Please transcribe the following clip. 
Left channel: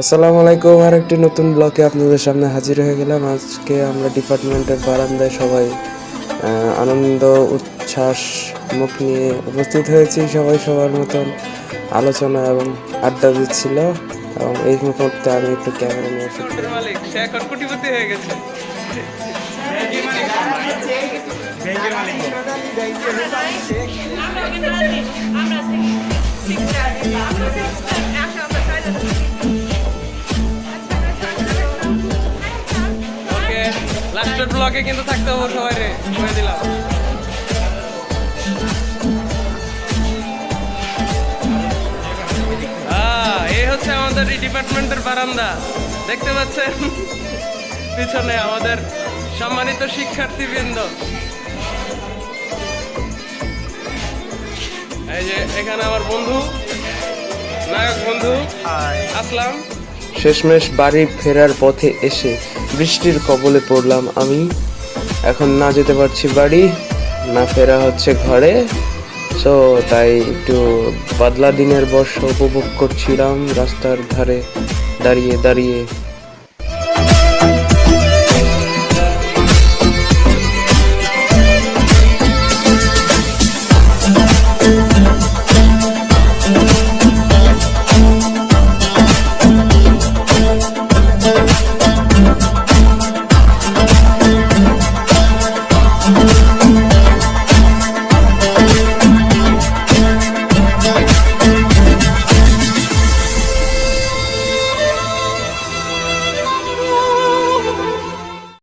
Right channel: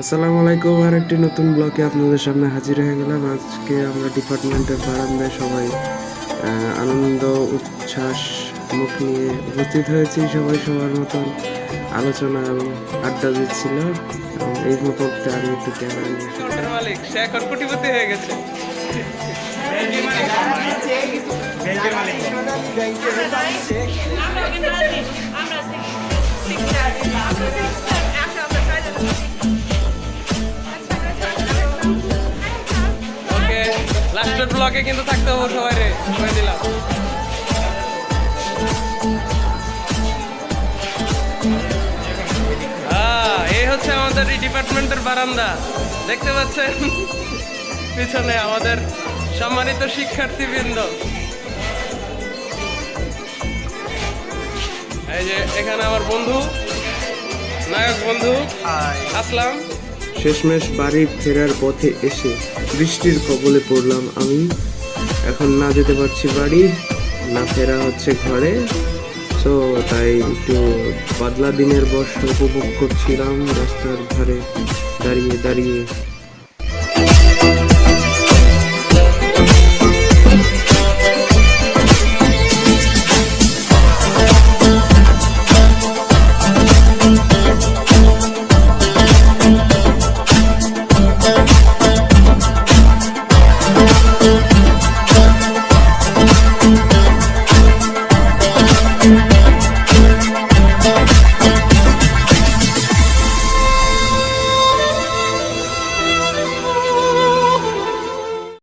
আসসালামু আলাইকুম। আর একটি নতুন ব্লকে আপনাদের সামনে হাজির হয়ে গেলাম। আজকে আমরা ডিপার্টমেন্টের বারান্দায় সবাই আনন্দ উচ্ছ্বাস মুখ নিয়ে উপস্থিত হয়েছি। সবাই সবার মতন আলোচনা এবং আড্ডা দিচ্ছিল, এবং এই মুহূর্তে আমি একটু ক্যামেরা নিয়ে এসেছি। মালিক সে এখন কোটিপতি হয়ে গেছে। ওকে, লাস্টের ব্লগে কিন্তু থাকতে হবে সবাই রে, করে দিলাম। এই হচ্ছে আমাদের এই ডিপার্টমেন্টের বারান্দা, দেখতে পাচ্ছেন পিছনে আমাদের সম্মানিত শিক্ষার্থীবৃন্দ। এই যে এখানে আমার বন্ধু, নায়ক বন্ধু আসলাম। শেষমেশ বাড়ি ফেরার পথে এসে বৃষ্টির কবলে পড়লাম আমি। এখন না যেতে পারছি বাড়ি, না ফেরা হচ্ছে ঘরে। সো তাই একটু বাদলা দিনের বর্ষা উপভোগ করছিলাম রাস্তার ধারে দাঁড়িয়ে দাঁড়িয়ে।